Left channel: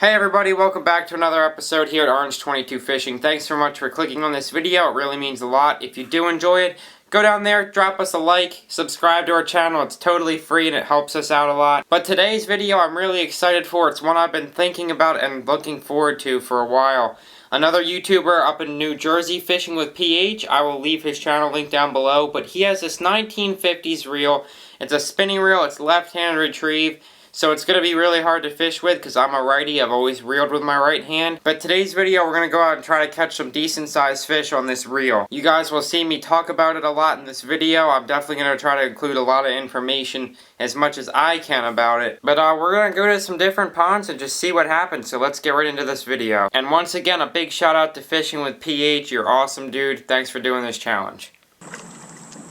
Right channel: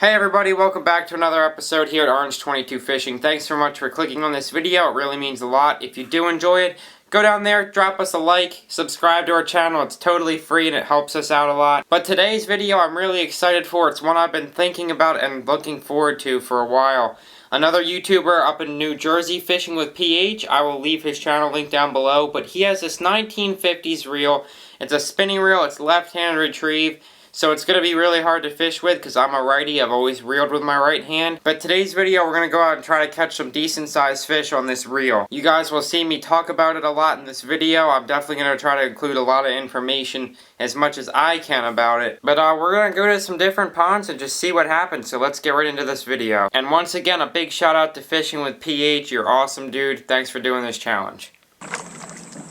Hey everybody, welcome back to another episode here at Orange22 Fishing. Thanks so much for clicking on this video, it really means a lot. If you do enjoy it, go down there, drop us a like, subscribe to our channel, it's totally free and it helps us out a lot. But today's video I'm really excited for, it's one I've been thinking about and looking forward to for a while. Another YouTuber up in New Jersey fishing with PH, I will leave his channel link down below, but he has this 1950s reel. It's a spinning reel, it's left-handed retrieve. So it's going to be really hard to fish with because I'm a righty, I've always reeled with my right hand. But today's video we're going to go out and try to catch some decent sized fish on this reel. You guys will see me talk about it a lot in this video. I'm definitely going to try to include a lot of information as much as I can about it. But we're going to go to some different ponds and just see what happens. So let's get right into this video. And once again, a big shout out to Fishing with PH. You're awesome, dude. Thanks for doing this challenge.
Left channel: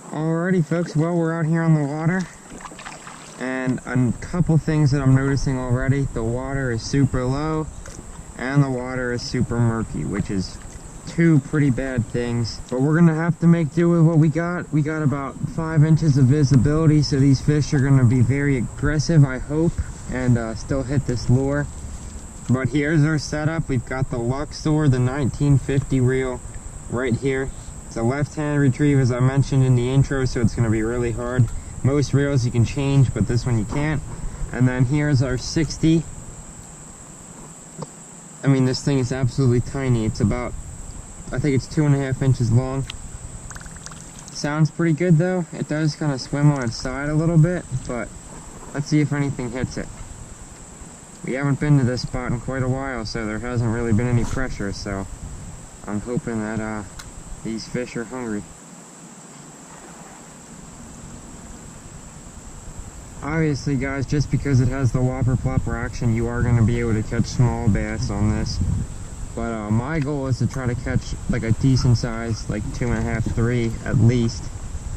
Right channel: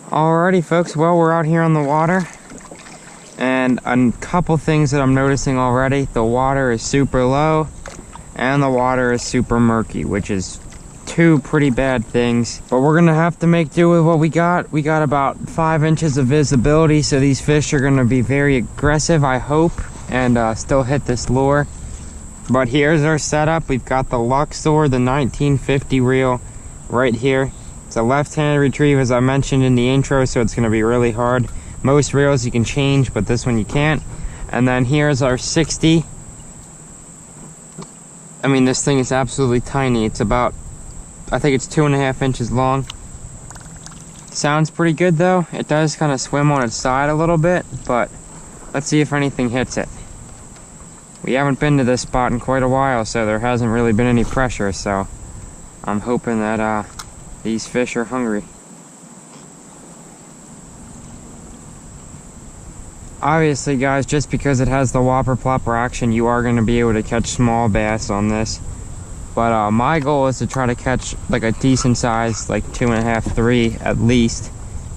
Alrighty folks, well we're out here on the water. And a couple things that I'm noticing already. The water is super low and the water is super murky, which is two pretty bad things. But we're gonna have to make do with what we got. We got about 5 inches of visibility, so these fish are gonna be very aggressive, I hope, and still hit this lure. But here's our setup. We've got the Luxor, the 1950 reel right here. It's a left-handed retrieve, as I mentioned in the intro, so it's gonna be really hard. Most reels you can change, but this one you can't. And then here's our 60. I mean, this thing is absolutely tiny. It's about, I think it's 2.5 inches long. Sounds pretty good though. It does kind of swim on its side a little bit, but let's see if anything hits it. We haven't been to this spot in quite a while, so there hasn't really been any pressure, so I'm hoping that these fish are hungry. Obviously guys, just because it has the whopper plopper action, you are going to be able to catch small bass on this. But my goal is to try to catch like a decent size, like 2.5, 3 at least.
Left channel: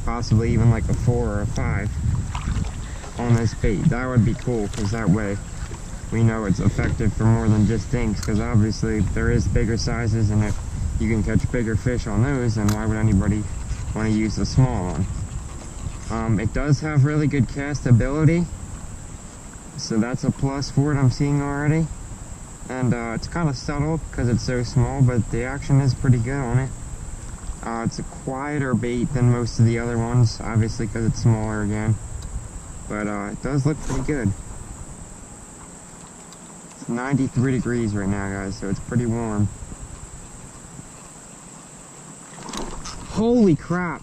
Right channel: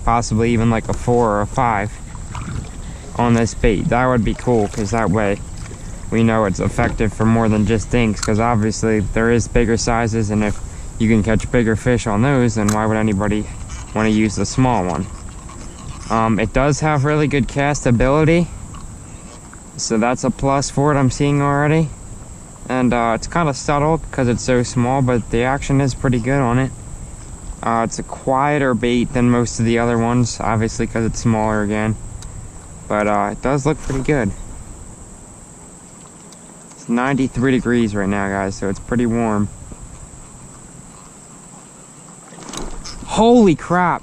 Possibly even like a 4 or a 5 on this bait. That would be cool, because that way we know it's effective for more than just dinks. Because obviously there is bigger sizes, and if you can catch bigger fish on those, then why would anybody want to use the small one? It does have really good cast ability, so that's a plus for it, I'm seeing already. And it's kind of subtle because it's so small, but the action is pretty good on it. It's a quieter bait than most of the other ones, obviously because it's smaller again. But it does look pretty good. It's 93 degrees right now, guys, so it's pretty warm. Holy crap!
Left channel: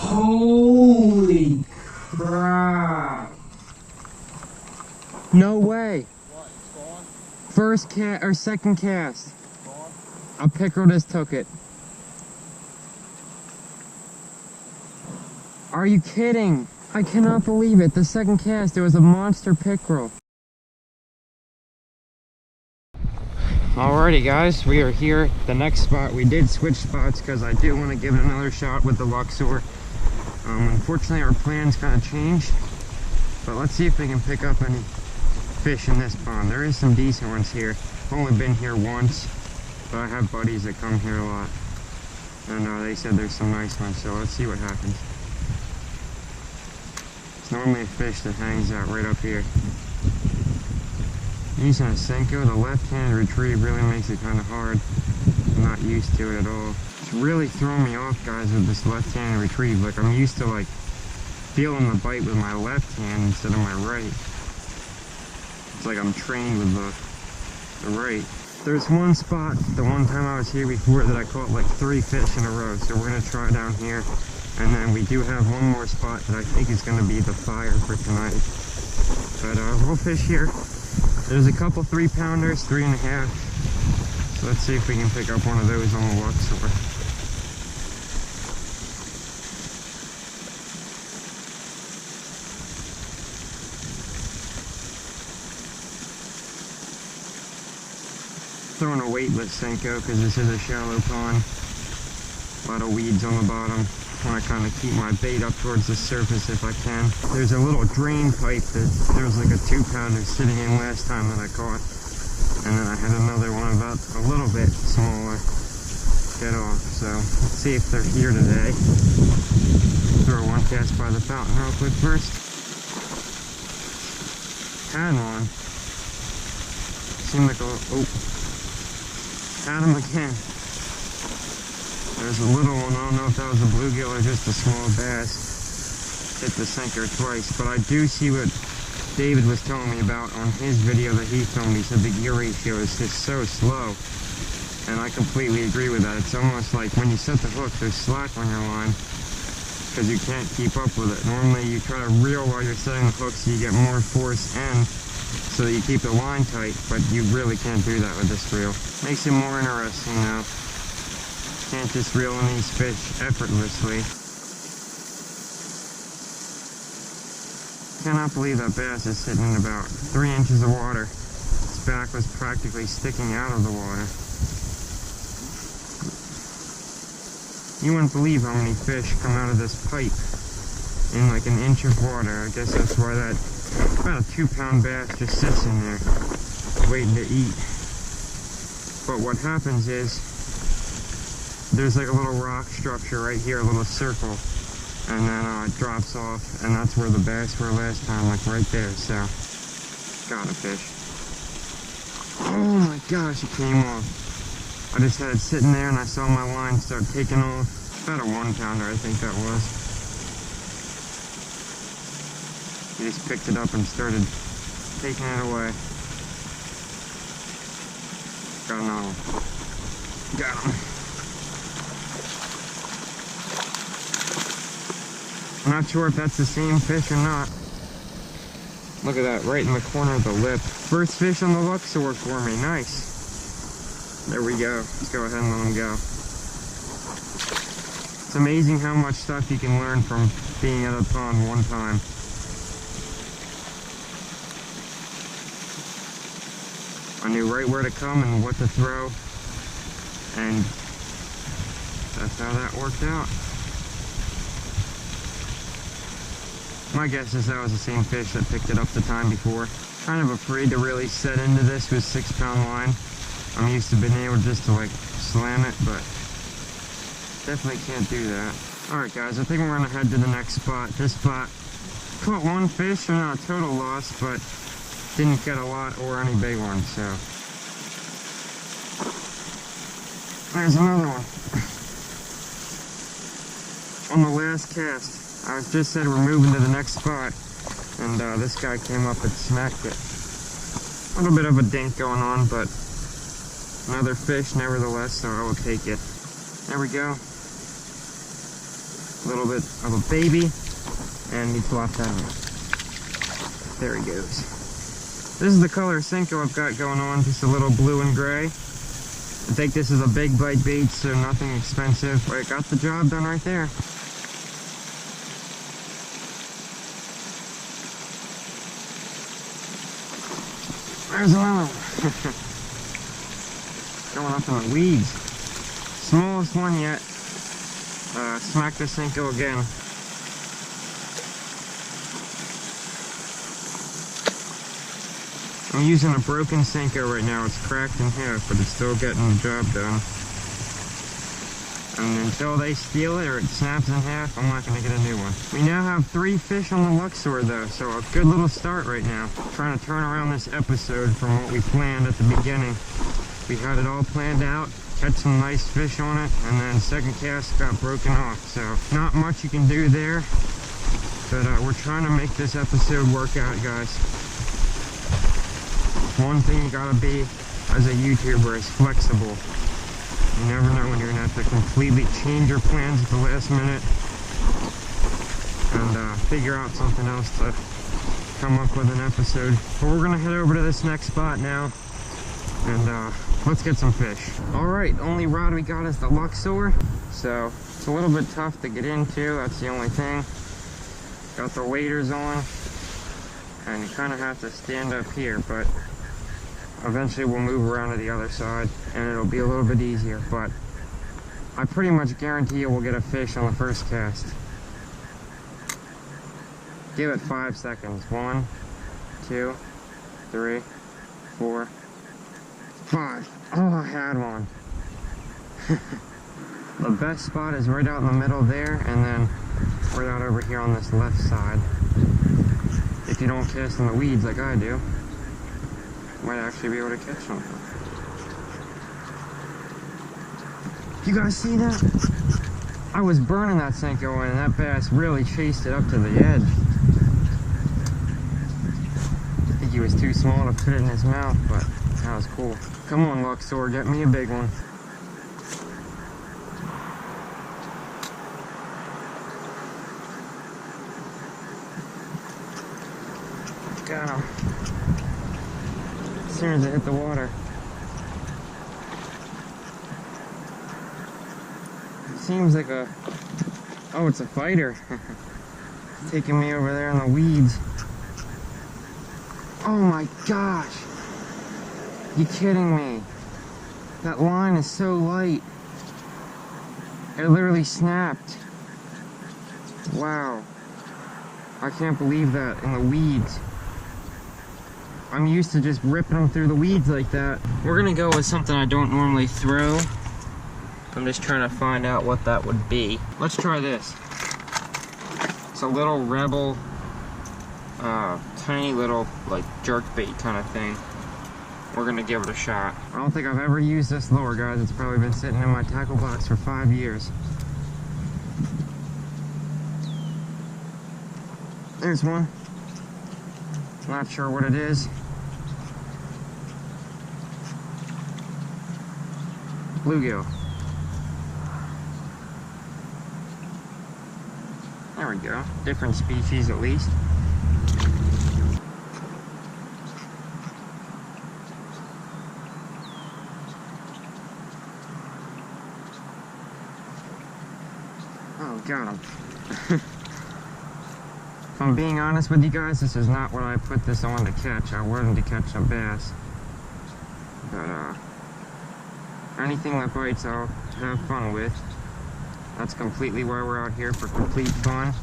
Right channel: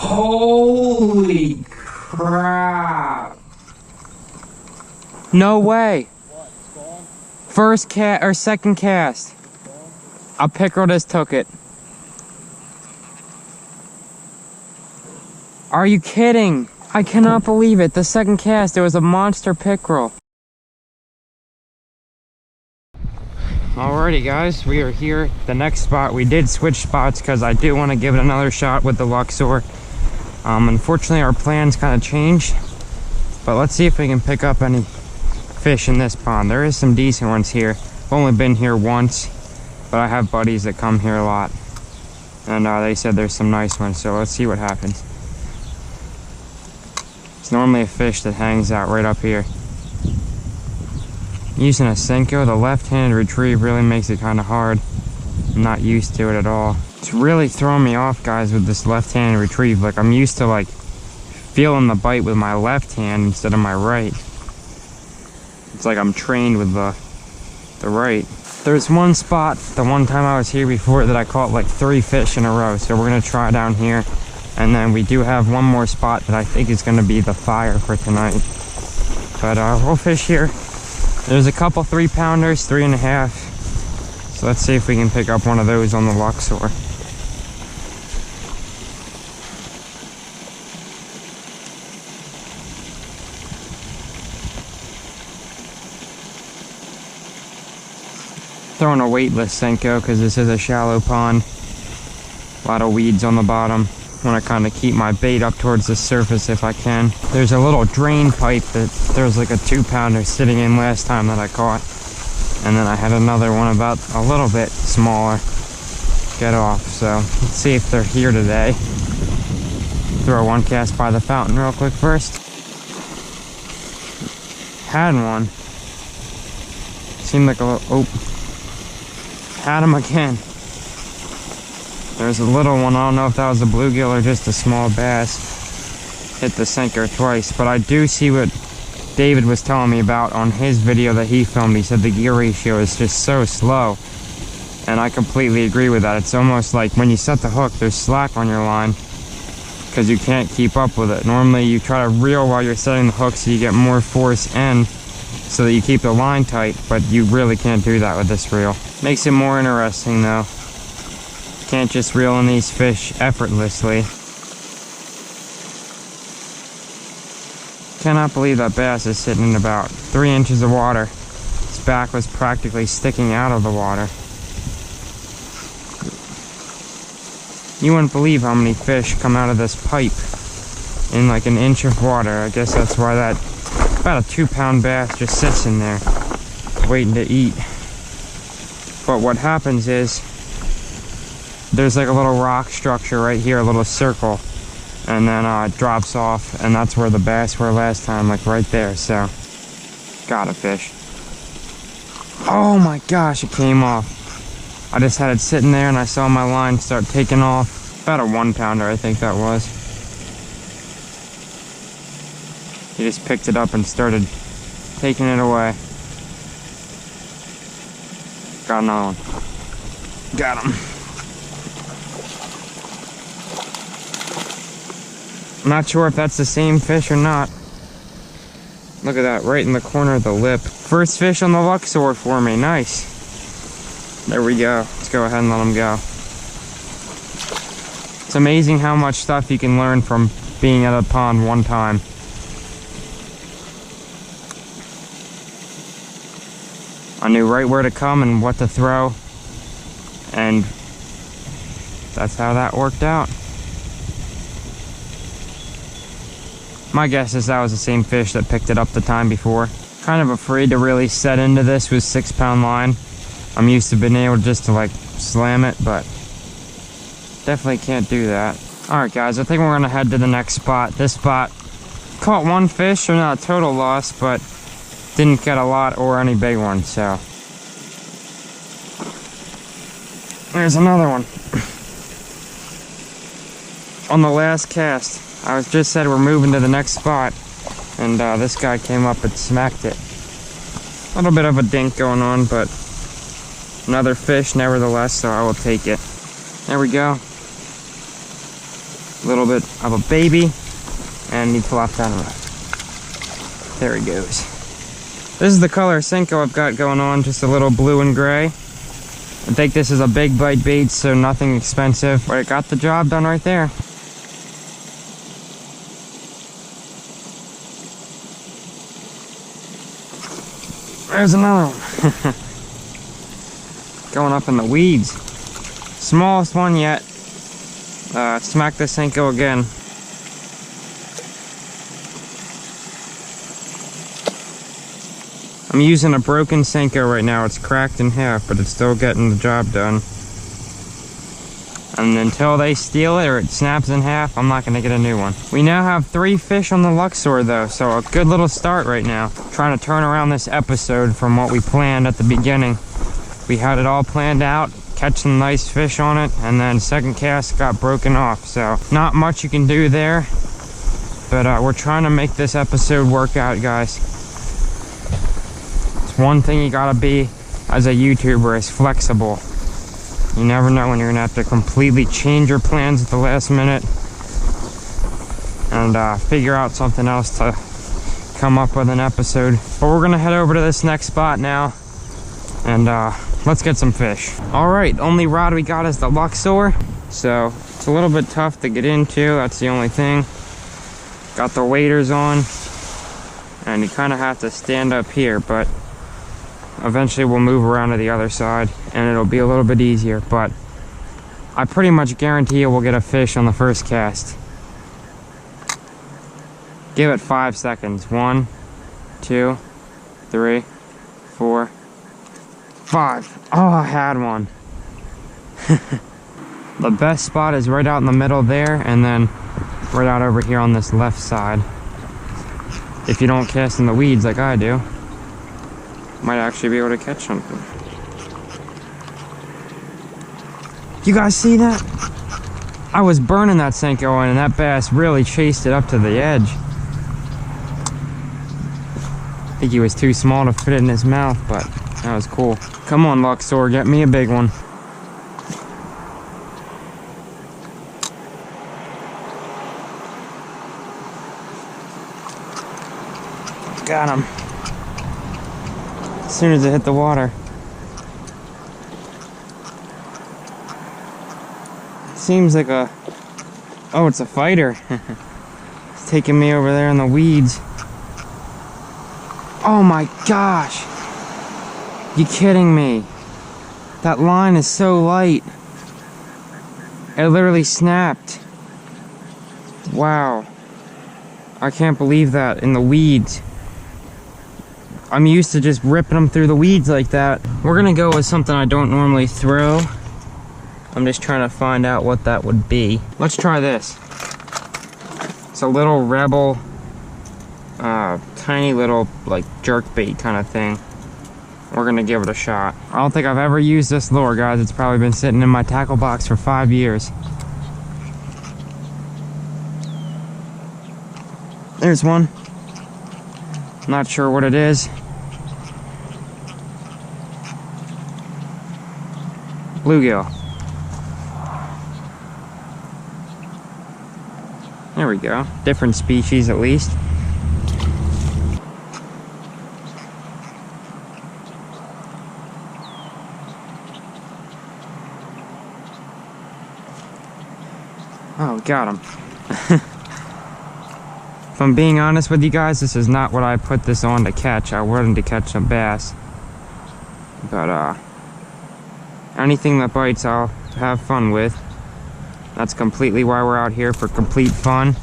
Holy crap! No way! What? It's gone? First cast or second cast. It's gone? A pickerel just took it. Are you kidding? I cannot believe it. The second cast, it was a monster pickerel. Alrighty guys, we are here. The next spot, we did switch spots because I do want to give it another shot with the Luxor. Unfortunately our plans kind of changed, but let's see if we can pick up any fish in this pond. There is some decent ones here. I've only been here once, but I have buddies that come here a lot, and they said there's some nice ones, so let's see what happens. It's normally a fish that hangs out right up here. Using a Senko, the left-handed retrieve really makes it kind of hard. I'm not used to it at all. It's really throwing me off, guys, with this left-handed retrieve. Like, I'm used to like feeling the bite with my left hand instead of my right. It's like I'm trained with the right. There's one spot, the one time I was here before, that I caught like 3 fish in a row. So we're gonna try down here, and then we do have one more spot that I think is gonna be the fire for tonight. But we'll fish here. There's a couple 3-pounders, 3.5. So let's see if we can pick up one of those on the Luxor. Throwing a weightless Senko because this is a shallow pond. A lot of weeds on the bottom. Want to kind of keep my bait up towards the surface if I can. There's a little drain pipe that there was like a 2-pounder sitting in last time that I caught, and then I had another one about a little bit smaller get off. So let's see if they're here today. Throw one cast by the fountain real quick first. had one. Seemed like a little, oh, had him again. There's a little one. I don't know if that was a bluegill or just a small bass. Hit the sinker twice, but I do see what David was telling me about on his video that he filmed. He said the gear ratio is just so slow, and I completely agree with that. It's almost like when you set the hook, there's slack on your line because you can't keep up with it. Normally you try to reel while you're setting the hook so you get more force in so that you keep the line tight, but you really can't do that with this reel. Makes it more interesting though. Can't just reel in these fish effortlessly. Cannot believe that bass is sitting in about 3 inches of water. Its back was practically sticking out of the water. You wouldn't believe how many fish come out of this pipe in like an inch of water. I guess that's why that about a 2-pound bass just sits in there waiting to eat. But what happens is there's like a little rock structure right here, a little circle, and then it drops off, and that's where the bass were last time, like right there. So got a fish. Oh my gosh, it came off. I just had it sitting there and I saw my line start taking off. About a 1-pounder, I think that was. He just picked it up and started taking it away. Got another one. Got him. I'm not sure if that's the same fish or not. Look at that, right in the corner of the lip. First fish on the Luxor for me, nice. There we go. Let's go ahead and let him go. It's amazing how much stuff you can learn from being at a pond one time. I knew right where to come and what to throw, and that's how that worked out. My guess is that was the same fish that picked it up the time before. Kind of afraid to really set into this with 6-pound line. I'm used to being able just to like slam it, but definitely can't do that. Alright guys, I think we're gonna head to the next spot. This spot caught one fish, so not a total loss, but didn't get a lot or any big ones, so. There's another one. On the last cast, I was just said we're moving to the next spot, and this guy came up and smacked it. A little bit of a dink going on, but another fish nevertheless, so I will take it. There we go. A little bit of a baby, and he flopped out of it. There he goes. This is the color Senko I've got going on, just a little blue and gray. I think this is a big bite bait, so nothing expensive, but it got the job done right there. There's another one. Going up in the weeds. Smallest one yet. Smack the Senko again. I'm using a broken Senko right now. It's cracked in half, but it's still getting the job done. And until they steal it or it snaps in half, I'm not going to get a new one. We now have 3 fish on the Luxor though, so a good little start right now. Trying to turn around this episode from what we planned at the beginning. We had it all planned out, catch some nice fish on it, and then second cast got broken off. So not much you can do there, but we're trying to make this episode work out, guys. It's one thing you gotta be as a YouTuber, is flexible. You never know when you're gonna have to completely change your plans at the last minute and figure out something else to come up with an episode. But we're gonna head over to this next spot now, and let's get some fish. All right, the only rod we got is the Luxor, so it's a little bit tough to get into. That's the only thing. Got the waders on, and you kind of have to stand up here, but eventually we'll move around to the other side and it'll be a little bit easier, but I pretty much guarantee you we'll get a fish on the first cast. Give it 5 seconds. 1, 2, 3, 4, 5. Oh, I had one. The best spot is right out in the middle there, and then right out over here on this left side. if you don't cast in the weeds like I do, might actually be able to catch something. You guys see that? I was burning that Senko and that bass really chased it up to the edge. I think he was too small to fit it in his mouth, but that was cool. Come on, Luxor, get me a big one. Got him. As soon as it hit the water. Seems like a... oh, it's a fighter. It's taking me over there in the weeds. Oh my gosh. You kidding me? That line is so light. It literally snapped. Wow. I can't believe that, in the weeds. I'm used to just ripping them through the weeds like that. We're gonna go with something I don't normally throw. I'm just trying to find out what that would be. Let's try this. It's a little Rebel, tiny little like jerk bait kind of thing. We're gonna give it a shot. I don't think I've ever used this lure, guys. It's probably been sitting in my tackle box for 5 years. There's one. Not sure what it is. Bluegill. There we go. Different species at least. Oh, got him. If I'm being honest with you guys, this is not what I put this on to catch. I wanted to catch some bass. But, anything that bites, I'll have fun with. That's completely why we're out here, for complete fun.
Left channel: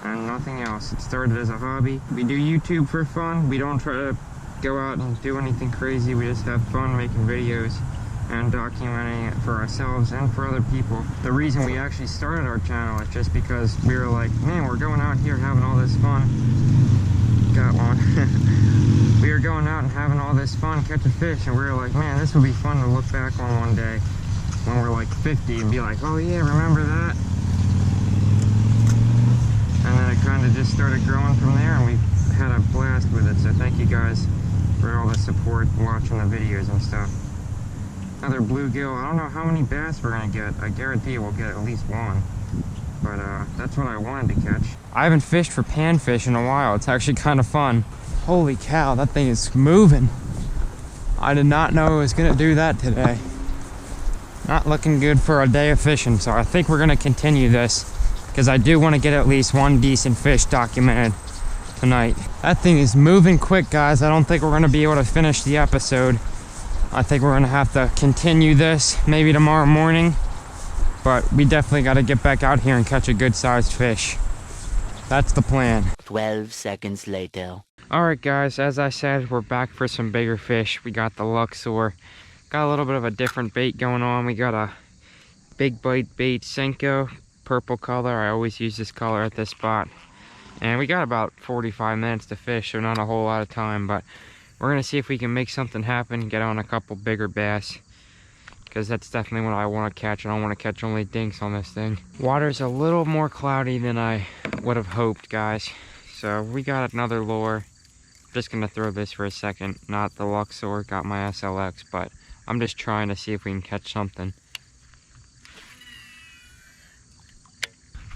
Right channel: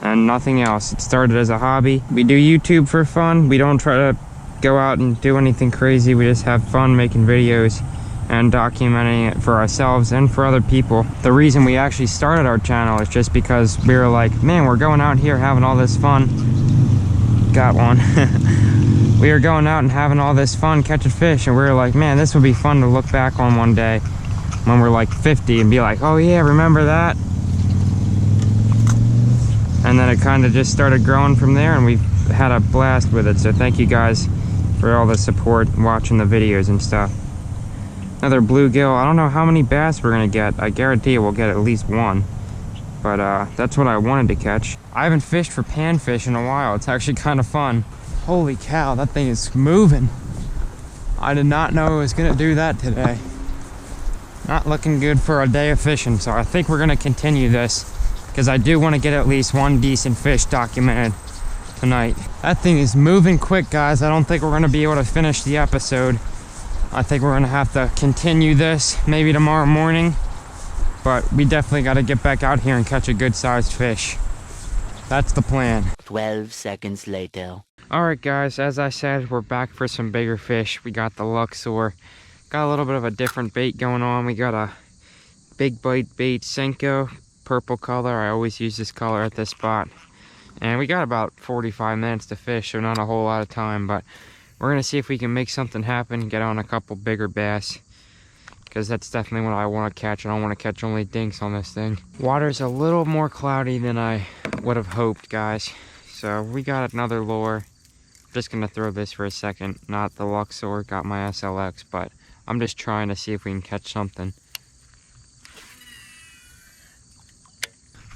And nothing else. It started as a hobby. We do YouTube for fun. We don't try to go out and do anything crazy. We just have fun making videos and documenting it for ourselves and for other people. The reason we actually started our channel is just because we were like, man, we're going out here having all this fun. Got one. We were going out and having all this fun catching fish, and we were like, man, this would be fun to look back on one day when we're like 50 and be like, oh yeah, remember that? And then it kind of just started growing from there, and we've had a blast with it. So thank you guys for all the support, watching the videos and stuff. Another bluegill. I don't know how many bass we're gonna get. I guarantee we'll get at least one. But that's what I wanted to catch. I haven't fished for panfish in a while. It's actually kind of fun. Holy cow, that thing is moving. I did not know it was gonna do that today. Not looking good for a day of fishing, so I think we're gonna continue this, because I do want to get at least one decent fish documented tonight. That thing is moving quick, guys. I don't think we're gonna be able to finish the episode. I think we're gonna have to continue this maybe tomorrow morning, but we definitely got to get back out here and catch a good sized fish. That's the plan. 12 seconds later. Alright guys, as I said, we're back for some bigger fish. We got the Luxor. Got a little bit of a different bait going on. We got a big bite bait Senko, purple color. I always use this color at this spot. And we got about 45 minutes to fish, so not a whole lot of time, but we're gonna see if we can make something happen, get on a couple bigger bass, because that's definitely what I want to catch. I don't want to catch only dinks on this thing. Water's a little more cloudy than I would have hoped, guys. So we got another lure. Just gonna throw this for a second, not the Luxor, got my SLX, but I'm just trying to see if we can catch something.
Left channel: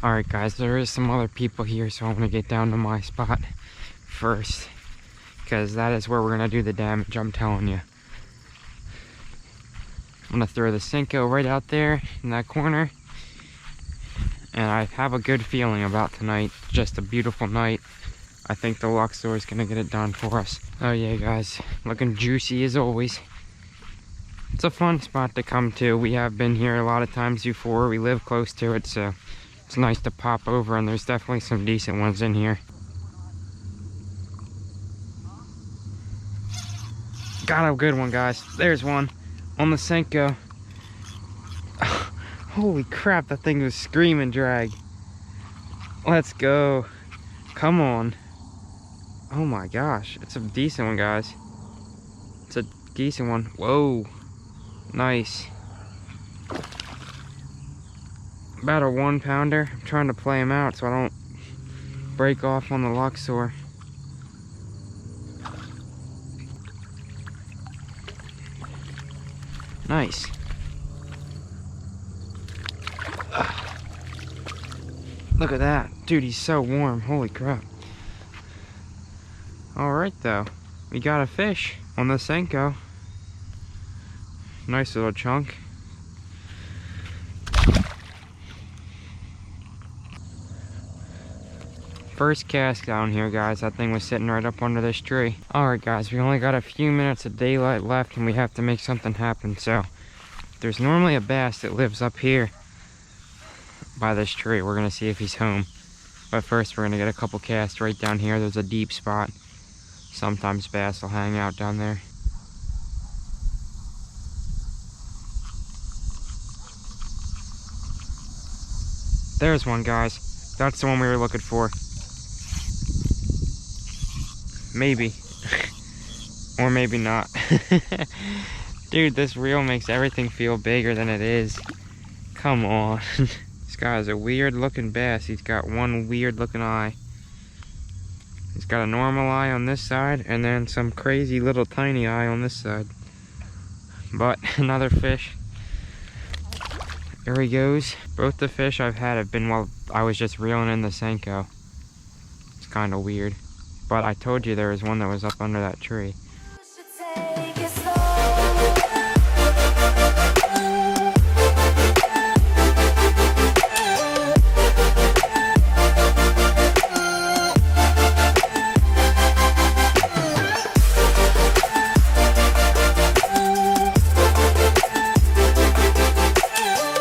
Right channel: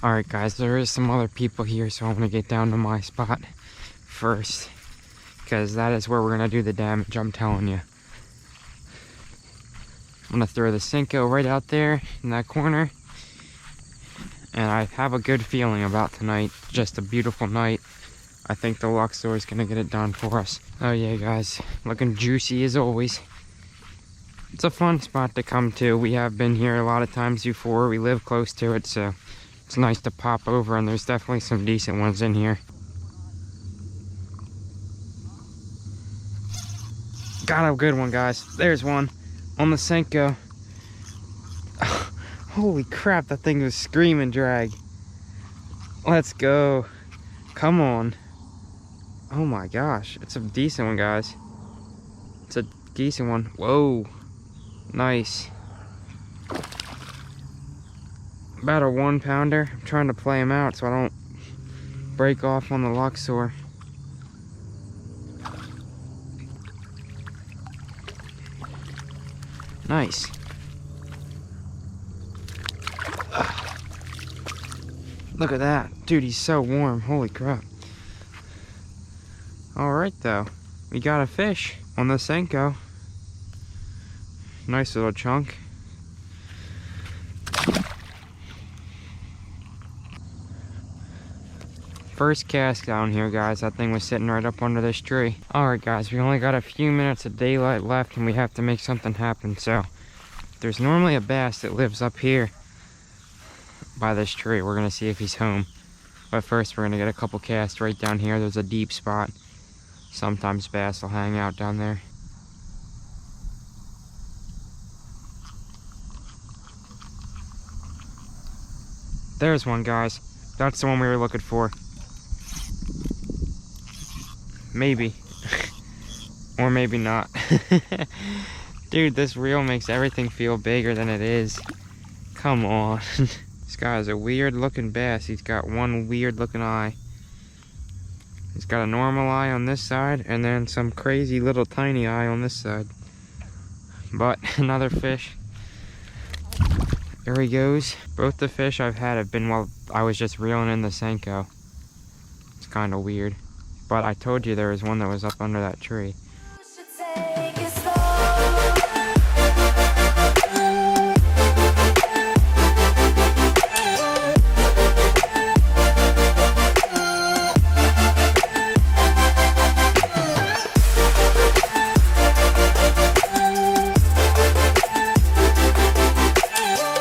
Alright guys, there is some other people here, so I'm gonna get down to my spot first, because that is where we're gonna do the damage, I'm telling you. I'm gonna throw the Senko right out there in that corner, and I have a good feeling about tonight. Just a beautiful night. I think the Luxor is gonna get it done for us. Oh yeah guys, looking juicy as always. It's a fun spot to come to. We have been here a lot of times before. We live close to it, so it's nice to pop over, and there's definitely some decent ones in here. Got a good one, guys. There's one on the Senko. Holy crap, that thing was screaming drag. Let's go. Come on. Oh my gosh, it's a decent one, guys. It's a decent one. Whoa, nice. About a 1 pounder. I'm trying to play him out so I don't break off on the Luxor. Nice. Look at that. Dude, he's so warm. Holy crap. Alright though. We got a fish on the Senko. Nice little chunk. First cast down here, guys. That thing was sitting right up under this tree. Alright guys, we only got a few minutes of daylight left and we have to make something happen. So there's normally a bass that lives up here by this tree. We're gonna see if he's home. But first we're gonna get a couple casts right down here. There's a deep spot. Sometimes bass will hang out down there. There's one, guys. That's the one we were looking for. Maybe. Or maybe not. Dude, this reel makes everything feel bigger than it is. Come on. This guy is a weird looking bass. He's got one weird looking eye. He's got a normal eye on this side and then some crazy little tiny eye on this side. But another fish. There he goes. Both the fish I've had have been while I was just reeling in the Senko. It's kind of weird. But I told you there was one that was up under that tree.